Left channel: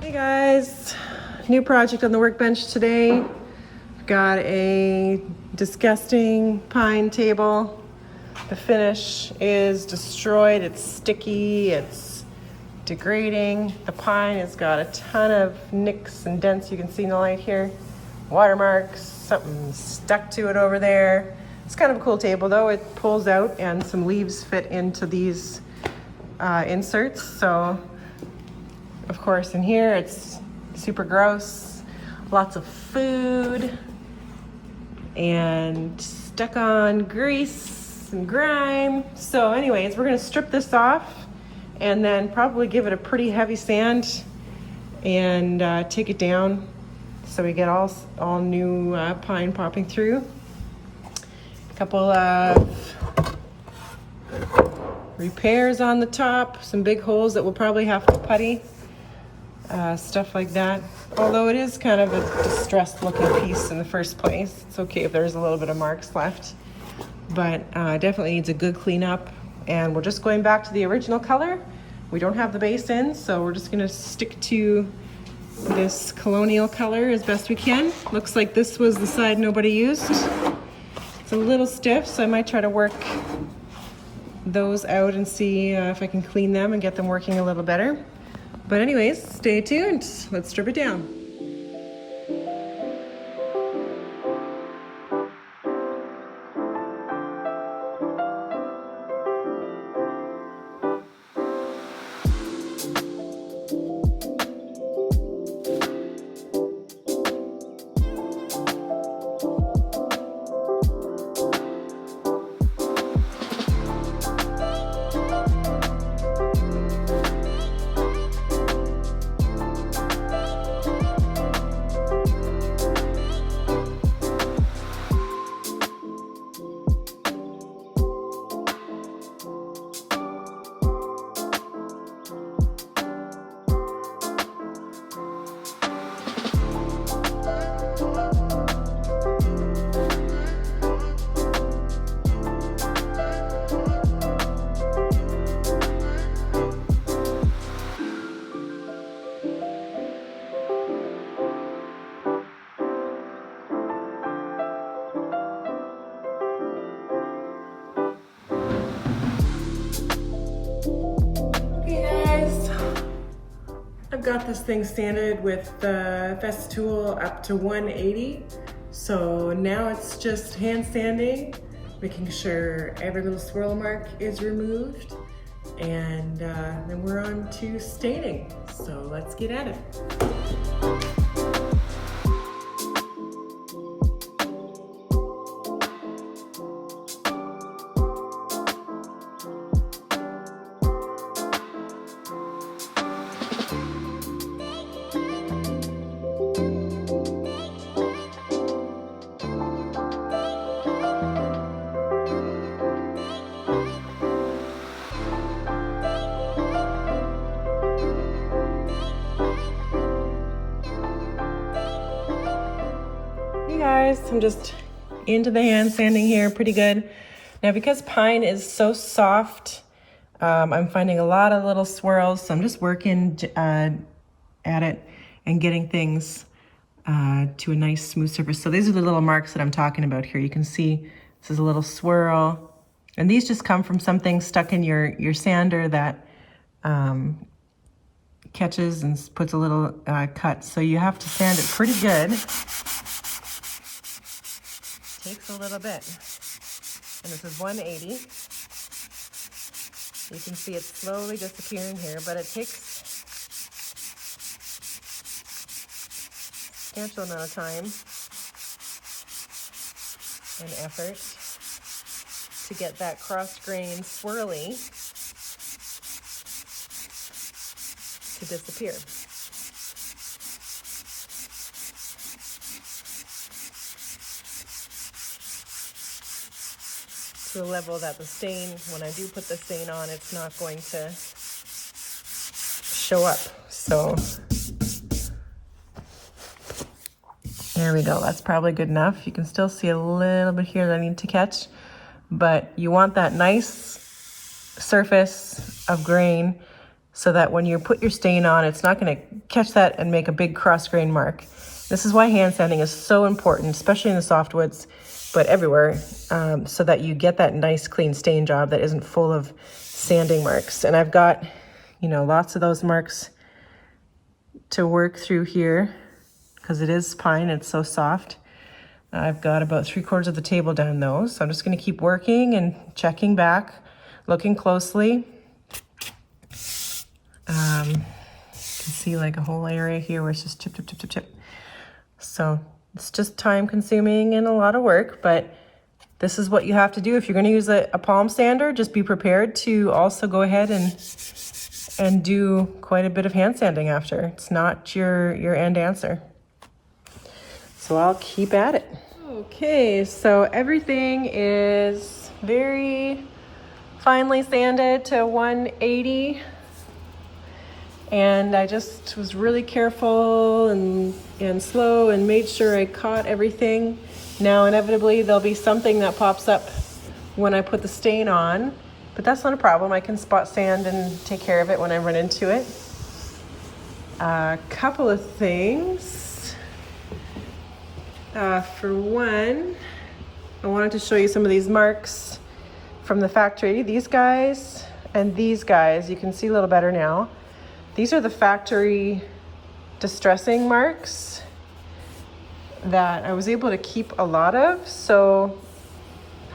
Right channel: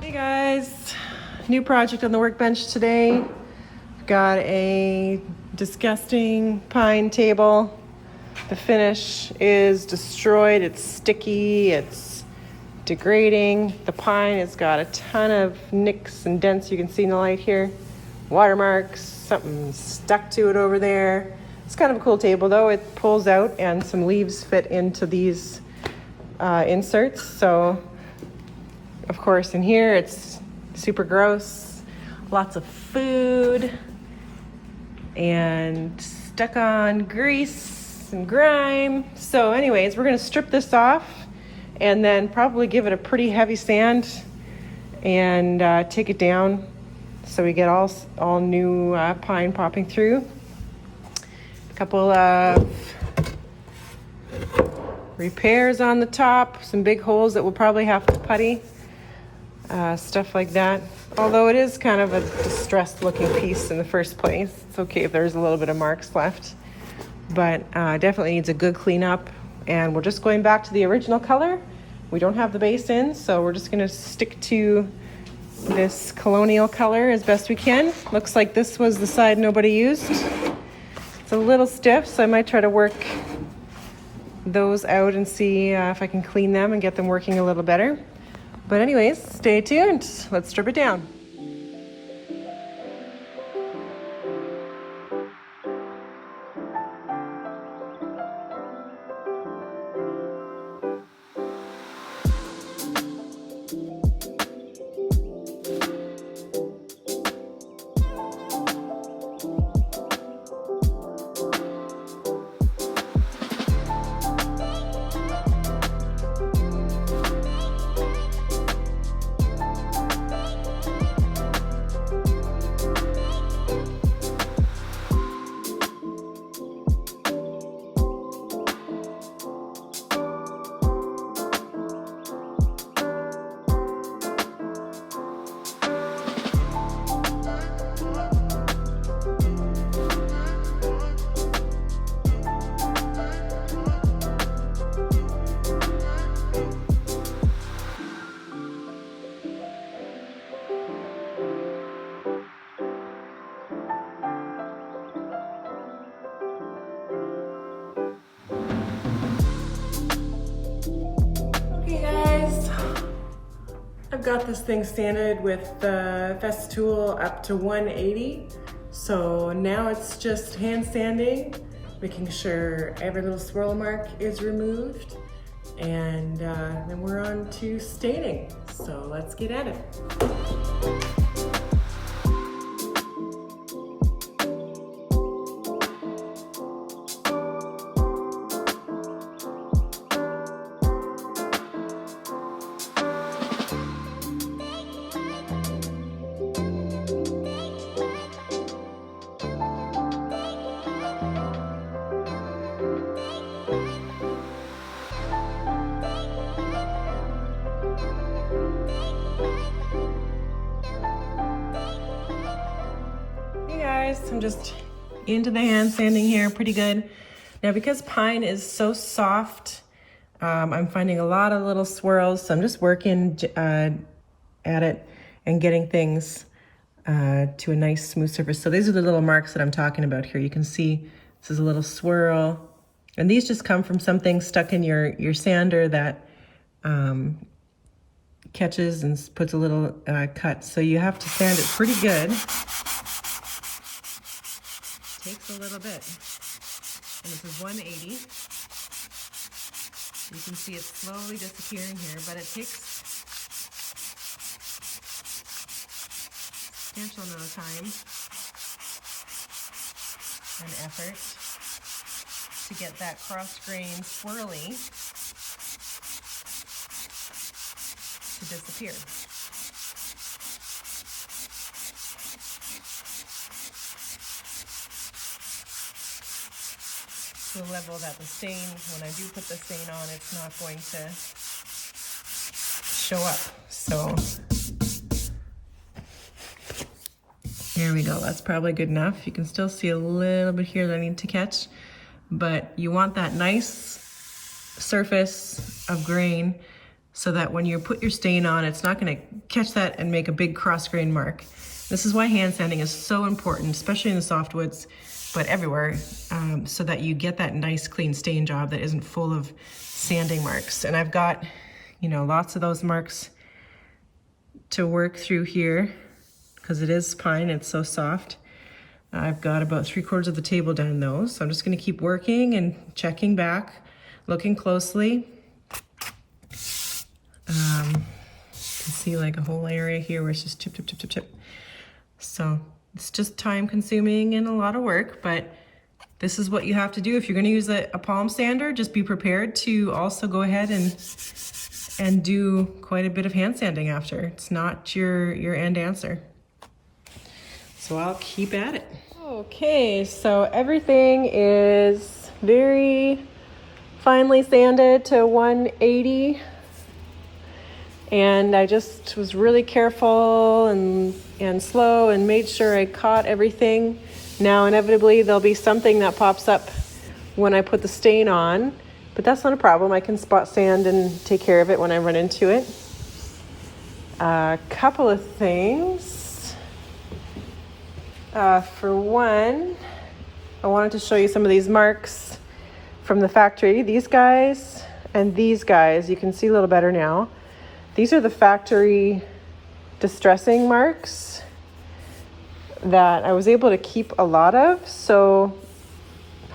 Hey guys, new project on the workbench today. I've got a disgusting pine table. The finish is destroyed, it's sticky, it's degrading. The pine has got a ton of nicks and dents you can see in the light here. Watermarks, something stuck to it over there. It's kind of a cool table though. It pulls out and some leaves fit into these inserts. So of course in here it's super gross. Lots of food and stuck on grease and grime. So anyways, we're gonna strip this off and then probably give it a pretty heavy sand and take it down so we get all new pine popping through. A couple of repairs on the top, some big holes that we'll probably have to putty, stuff like that. Although it is kind of a distressed looking piece in the first place. It's okay if there's a little bit of marks left, but definitely needs a good cleanup. And we're just going back to the original color. We don't have the base in, so we're just gonna stick to this colonial color as best we can. Looks like this was the side nobody used. It's a little stiff, so I might try to work those out and see if I can clean them and get them working a little better. But anyways, stay tuned. Let's strip it down. I've got this thing sanded with the Festool up to 180. So now it's just hand sanding, making sure every little swirl mark is removed. And then we're on to staining. So let's get at it. I'm just into the hand sanding here pretty good. Now because pine is so soft, I'm finding a lot of little swirls, so I'm just working at it and getting things to a nice smooth surface. So these are the little marks that I'm talking about here. You can see this is a little swirl, and these just come from something stuck in your sander that catches and puts a little cut. So you have to sand it pretty good. Takes a little bit. And this is 180. You can see it's slowly disappearing here, but it takes a substantial amount of time and effort to get that cross-grain swirly to disappear. To a level that the stain, when I do put the stain on, it's not going to show up. So there we go. That's probably good enough. You can still see a little bit here that I need to catch. but you want that nice surface of grain so that when you put your stain on, it's not gonna catch that and make a big cross grain mark. This is why hand sanding is so important, especially in the softwoods, but everywhere, so that you get that nice clean stain job that isn't full of sanding marks. And I've got, you know, lots of those marks to work through here because it is pine, it's so soft. I've got about 3/4 of the table down those. So I'm just gonna keep working and checking back, looking closely. You can see like a whole area here where it's just chip, chip, chip, chip, chip. So it's just time consuming and a lot of work, but this is what you have to do. If you're gonna use a palm sander, just be prepared to also go ahead and do quite a bit of hand sanding after. It's not your end answer. So I'll keep at it. Okay, so everything is very finely sanded to 180. And I just was really careful and slow and made sure I caught everything. Now, inevitably, there'll be something that pops up when I put the stain on, but that's not a problem. I can spot sand and take care of it when I run into it. A couple of things. For one, I wanted to show you some of these marks from the factory. These guys and these guys, you can see a little better now. These are the factory distressing marks that I was able to keep a lot of. So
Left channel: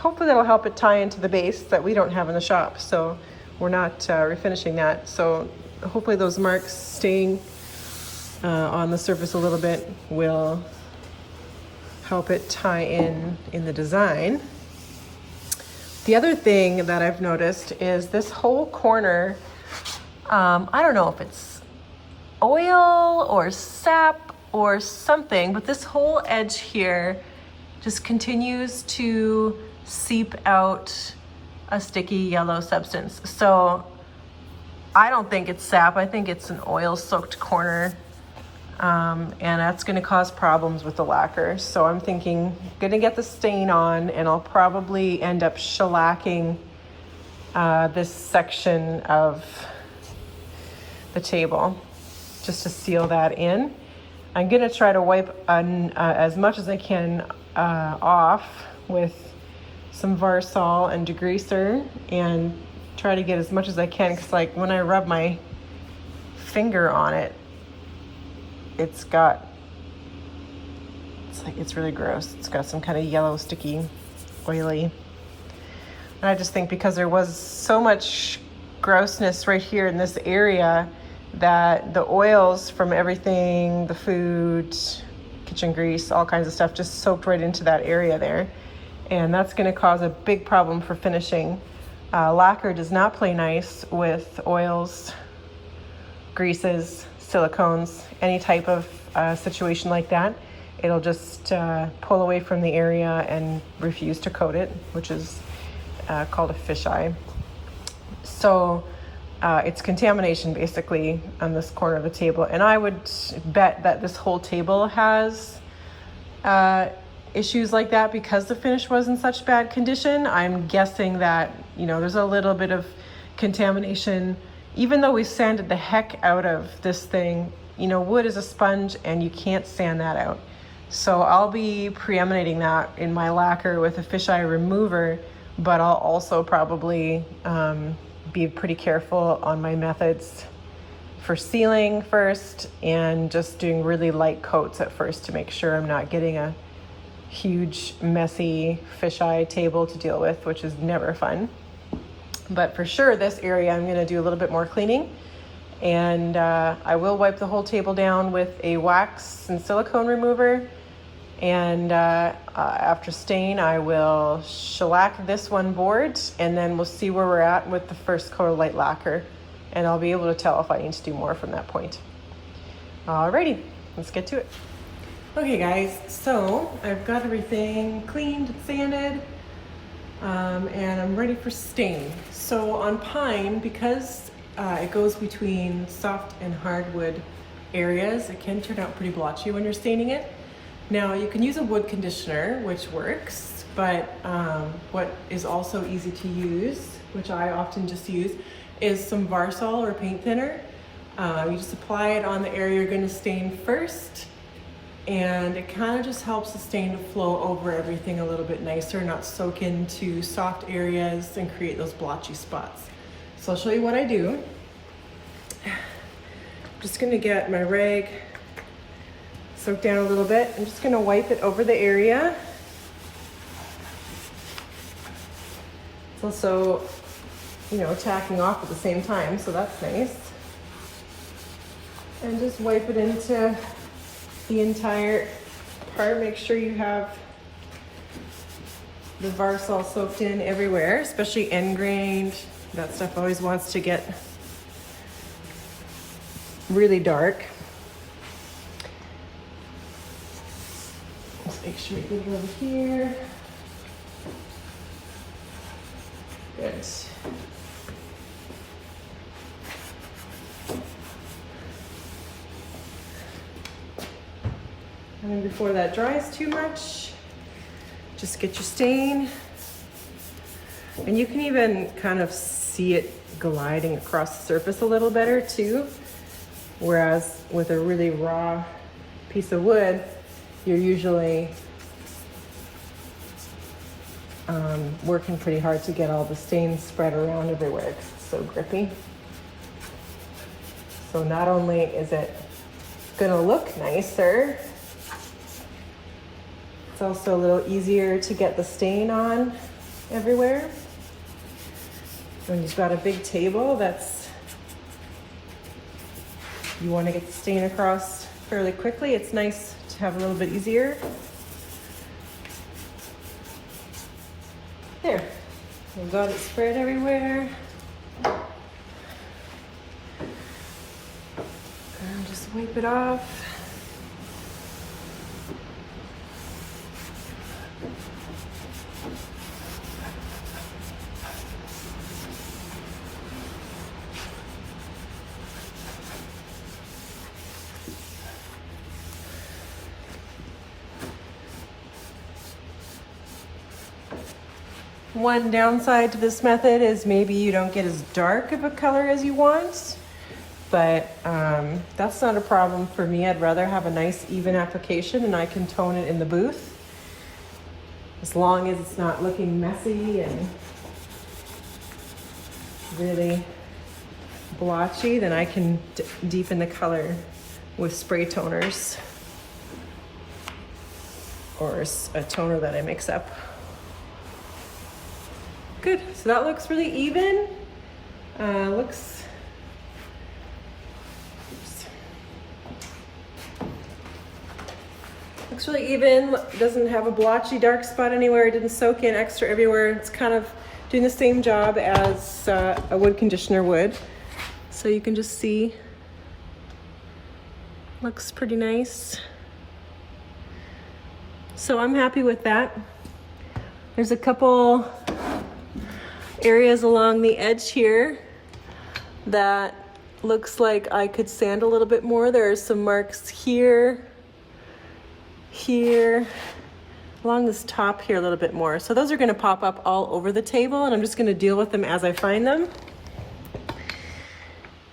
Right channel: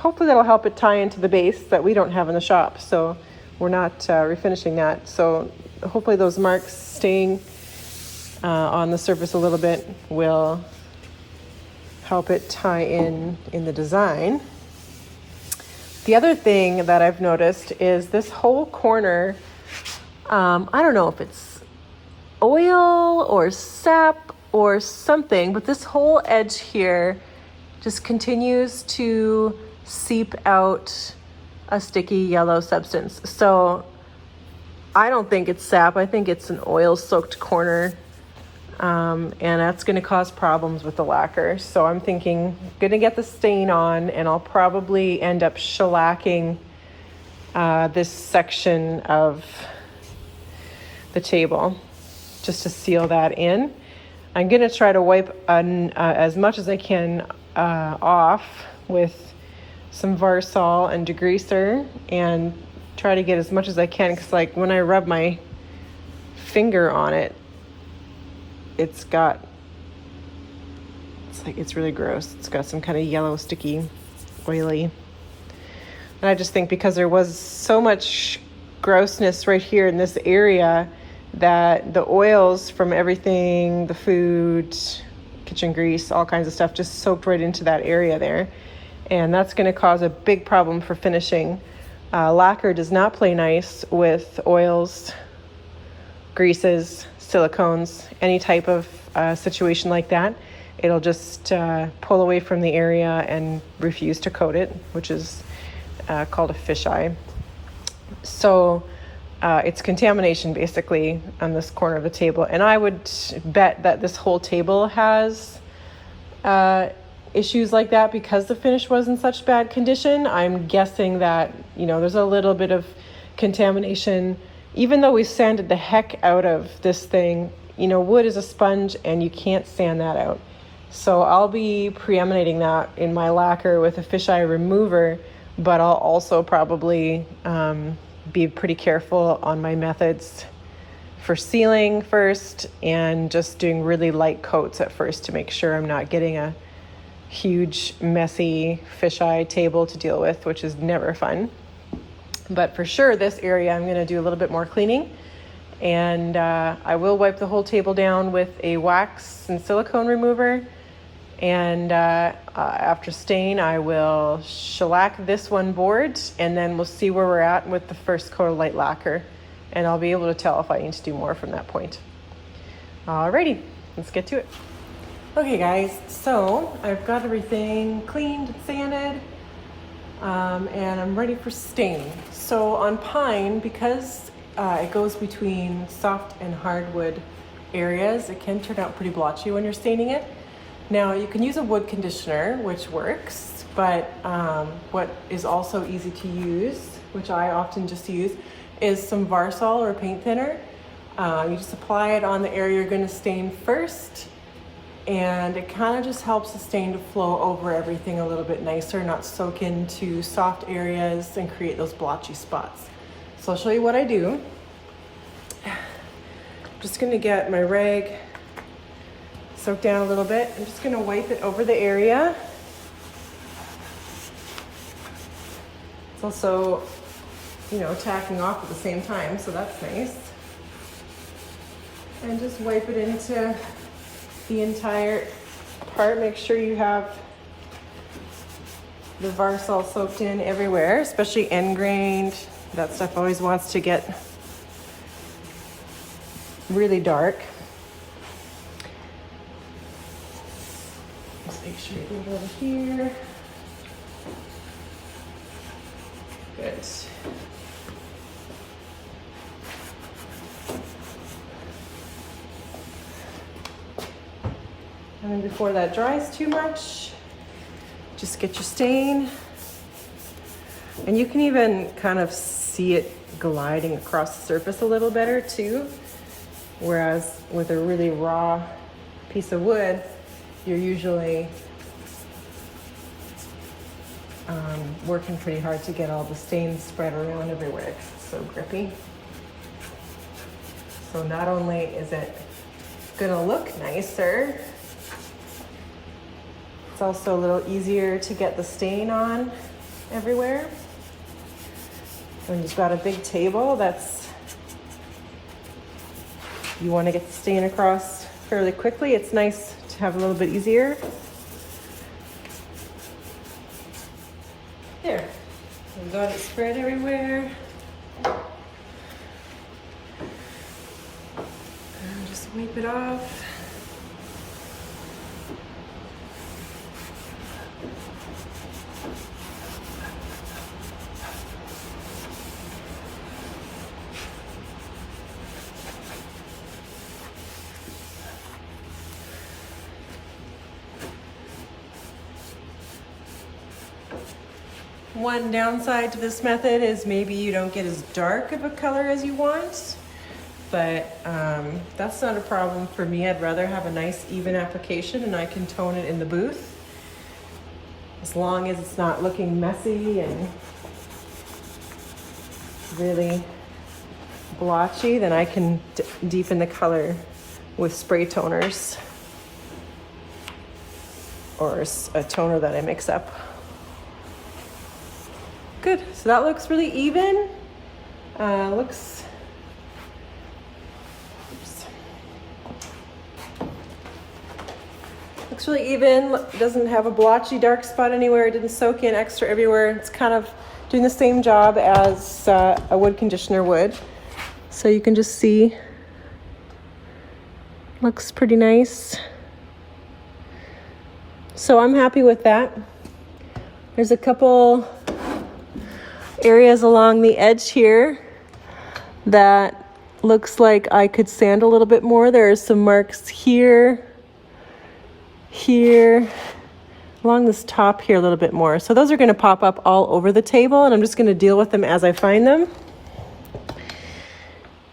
hopefully that'll help it tie into the base that we don't have in the shop. So we're not refinishing that. So hopefully those marks staying on the surface a little bit will help it tie in the design. The other thing that I've noticed is this whole corner, I don't know if it's oil or sap or something, but this whole edge here just continues to seep out a sticky yellow substance. So I don't think it's sap, I think it's an oil soaked corner. And that's gonna cause problems with the lacquer. So I'm thinking, I'm gonna get the stain on and I'll probably end up shellacking this section of the table just to seal that in. I'm gonna try to wipe as much as I can off with some Varsol and degreaser and try to get as much as I can, because like when I rub my finger on it, it's really gross. It's got some kind of yellow, sticky, oily. And I just think because there was so much grossness right here in this area that the oils from everything, the food, kitchen grease, all kinds of stuff just soaked right into that area there. And that's gonna cause a big problem for finishing. Lacquer does not play nice with oils, greases, silicones, any type of situation like that. It'll just pull away from the area and refuse to coat it, which is called a fisheye. So it's contamination basically on this corner of the table. And I would bet that this whole table has issues like that because the finish was in such bad condition. I'm guessing that, you know, there's a little bit of contamination. Even though we sanded the heck out of this thing, you know, wood is a sponge and you can't sand that out. So I'll be preempting that in my lacquer with a fisheye remover, but I'll also probably be pretty careful on my methods for sealing first and just doing really light coats at first to make sure I'm not getting a huge messy fisheye table to deal with, which is never fun. But for sure this area I'm going to do a little bit more cleaning, and I will wipe the whole table down with a wax and silicone remover, and after stain I will shellac this one board, and then we'll see where we're at with the first coat of light lacquer, and I'll be able to tell if I need to do more from that point. Alrighty, let's get to it. Okay guys, so I've got everything cleaned and sanded, and I'm ready for stain. So on pine, because it goes between soft and hardwood areas, it can turn out pretty blotchy when you're staining it. Now you can use a wood conditioner, which works, But what is also easy to use, which I often just use, is some Varsol or paint thinner. You just apply it on the area you're going to stain first, and it kind of just helps the stain to flow over everything a little bit nicer, not soak into soft areas and create those blotchy spots. So I'll show you what I do. I'm just going to get my rag soaked down a little bit. I'm just going to wipe it over the area. It's also, you know, tacking off at the same time, so that's nice. And just wipe it into the entire part. Make sure you have the Varsol soaked in everywhere, especially end grained. That stuff always wants to get really dark. Just make sure you get it over here. Good. And before that dries too much, just get your stain. And you can even kind of see it gliding across the surface a little better too. Whereas with a really raw piece of wood, you're usually working pretty hard to get all the stains spread around everywhere because it's so grippy. So not only is it gonna look nicer, it's also a little easier to get the stain on everywhere. When you've got a big table you want to get the stain across fairly quickly, it's nice to have a little bit easier. There, we've got it spread everywhere. And just wipe it off. One downside to this method is maybe you don't get as dark of a color as you want, but that's not a problem for me. I'd rather have a nice even application and I can tone it in the booth. As long as it's not looking messy and really blotchy, then I can deepen the color with spray toners or a toner that I mix up. Good, so that looks really even. Looks really even. Doesn't have a blotchy dark spot anywhere. It didn't soak in extra everywhere. It's kind of doing the same job as a wood conditioner would. So you can just see, looks pretty nice. So I'm happy with that. There's a couple areas along the edge here that looks like I could sand a little bit more. There are some marks here, along this top here a little bit more. So those are going to pop up all over the table, and I'm just going to deal with them as I find them.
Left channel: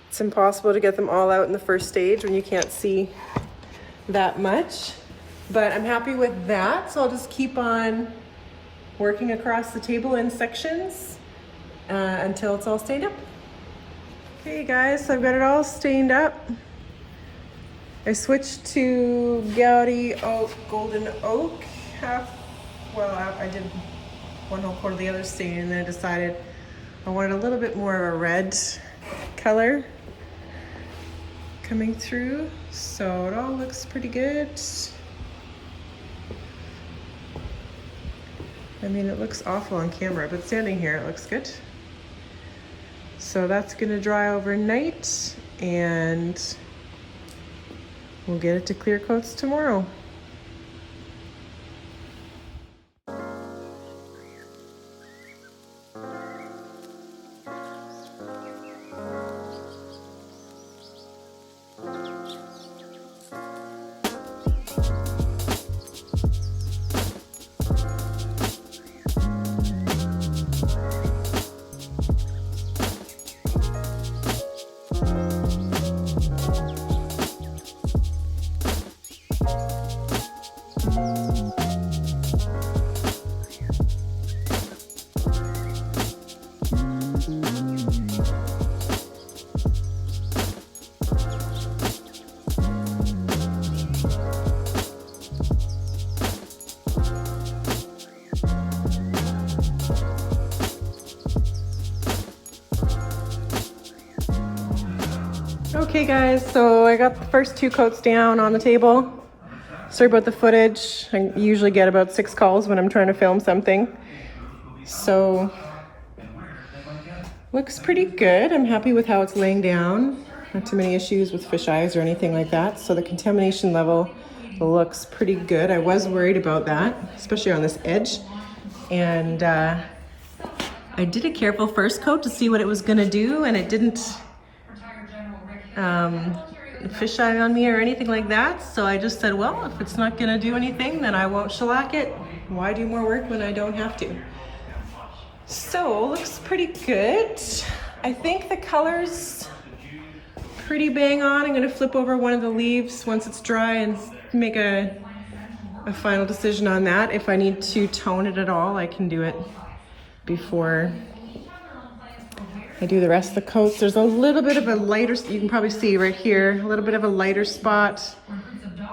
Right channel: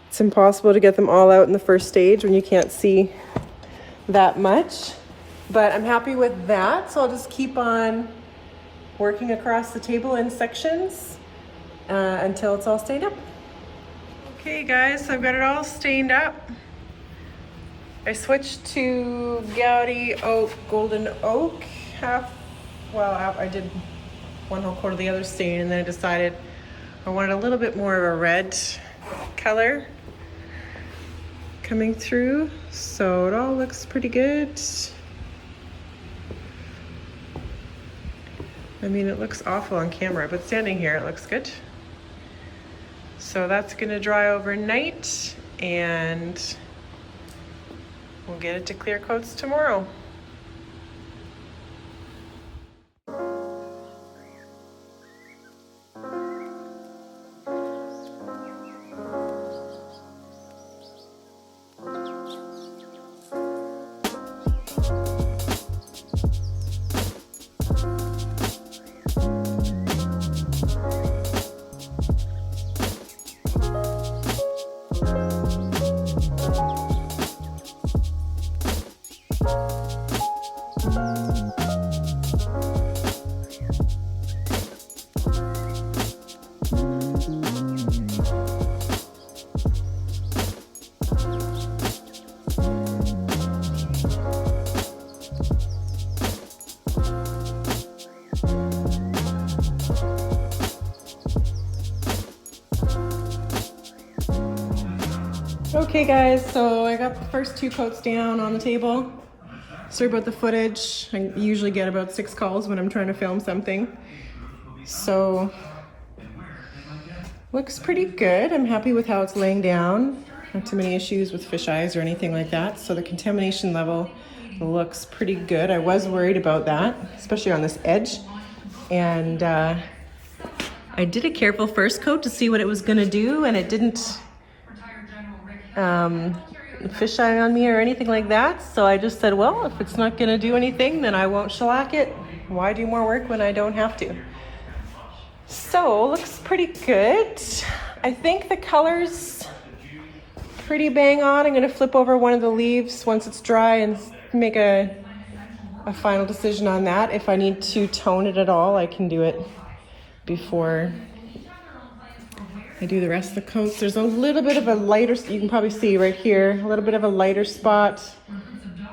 It's impossible to get them all out in the first stage when you can't see that much, but I'm happy with that. So I'll just keep on working across the table in sections until it's all stained up. Okay guys, so I've got it all stained up. I switched to Gaudy Oak, Golden Oak. I did one whole quart of the other stain, and then I decided I wanted a little bit more of a red color coming through. So it all looks pretty good. I mean, it looks awful on camera, but standing here, it looks good. So that's gonna dry overnight, and we'll get it to clear coats tomorrow. Okay guys, so I got the first 2 coats down on the table. Sorry about the footage. I usually get about 6 calls when I'm trying to film something. So, looks pretty good. I'm happy with how it's laying down. Not too many issues with fish eyes or anything like that. So the contamination level looks pretty good. I was worried about that, especially on this edge. And I did a careful first coat to see what it was gonna do, and it didn't fish eye on me or anything like that. So I just said, well, if it's not gonna do anything, then I won't shellac it. Why do more work when I don't have to? So, looks pretty good. I think the color's pretty bang on. I'm gonna flip over one of the leaves once it's dry and make a final decision on that. If I need to tone it at all, I can do it before I do the rest of the coats. There's a little bit of a lighter, you can probably see right here, a little bit of a lighter spot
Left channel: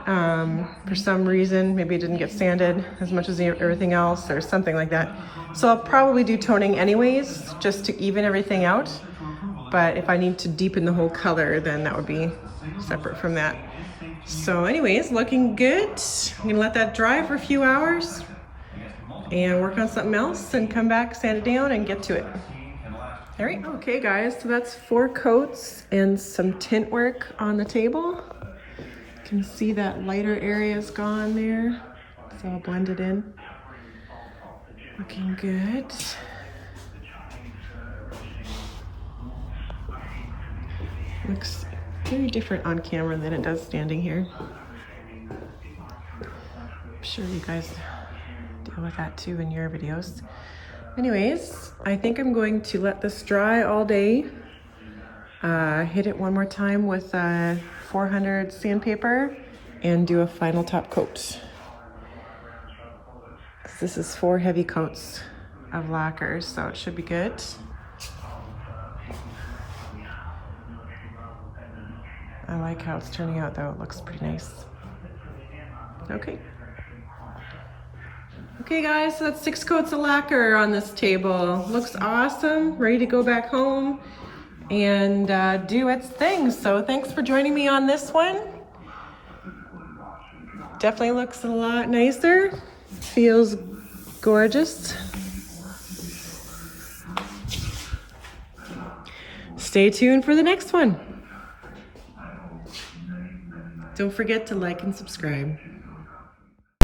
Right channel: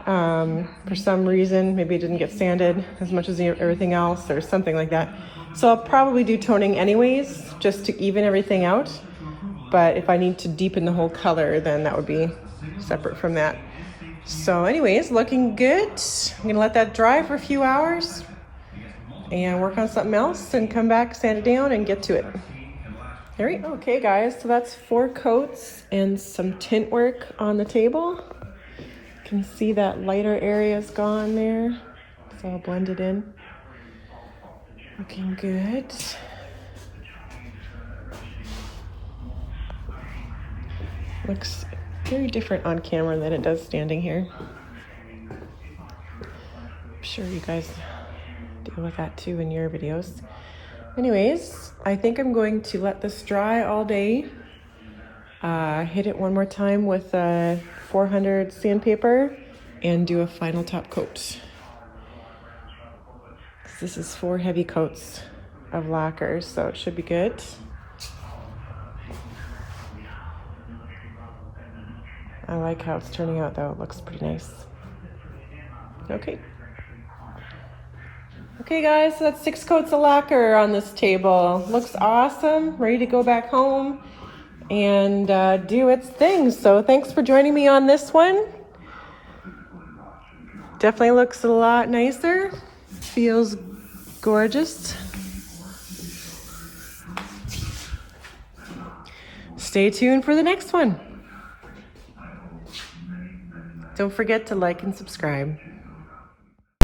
for some reason. Maybe it didn't get sanded as much as everything else or something like that. So I'll probably do toning anyways, just to even everything out. But if I need to deepen the whole color, then that would be separate from that. So anyways, looking good. I'm gonna let that dry for a few hours and work on something else and come back, sand it down and get to it. There we go. Okay guys, so that's 4 coats and some tint work on the table. You can see that lighter area is gone there. It's all blended in. Looking good. Looks very different on camera than it does standing here. I'm sure you guys deal with that too in your videos. Anyways, I think I'm going to let this dry all day. Hit it one more time with 400 sandpaper and do a final top coat. This is 4 heavy coats of lacquer, so it should be good. I like how it's turning out though, it looks pretty nice. Okay. Okay guys, so that's 6 coats of lacquer on this table. Looks awesome, ready to go back home and do its thing. So thanks for joining me on this one. Definitely looks a lot nicer. Feels gorgeous. Stay tuned for the next one. Don't forget to like and subscribe.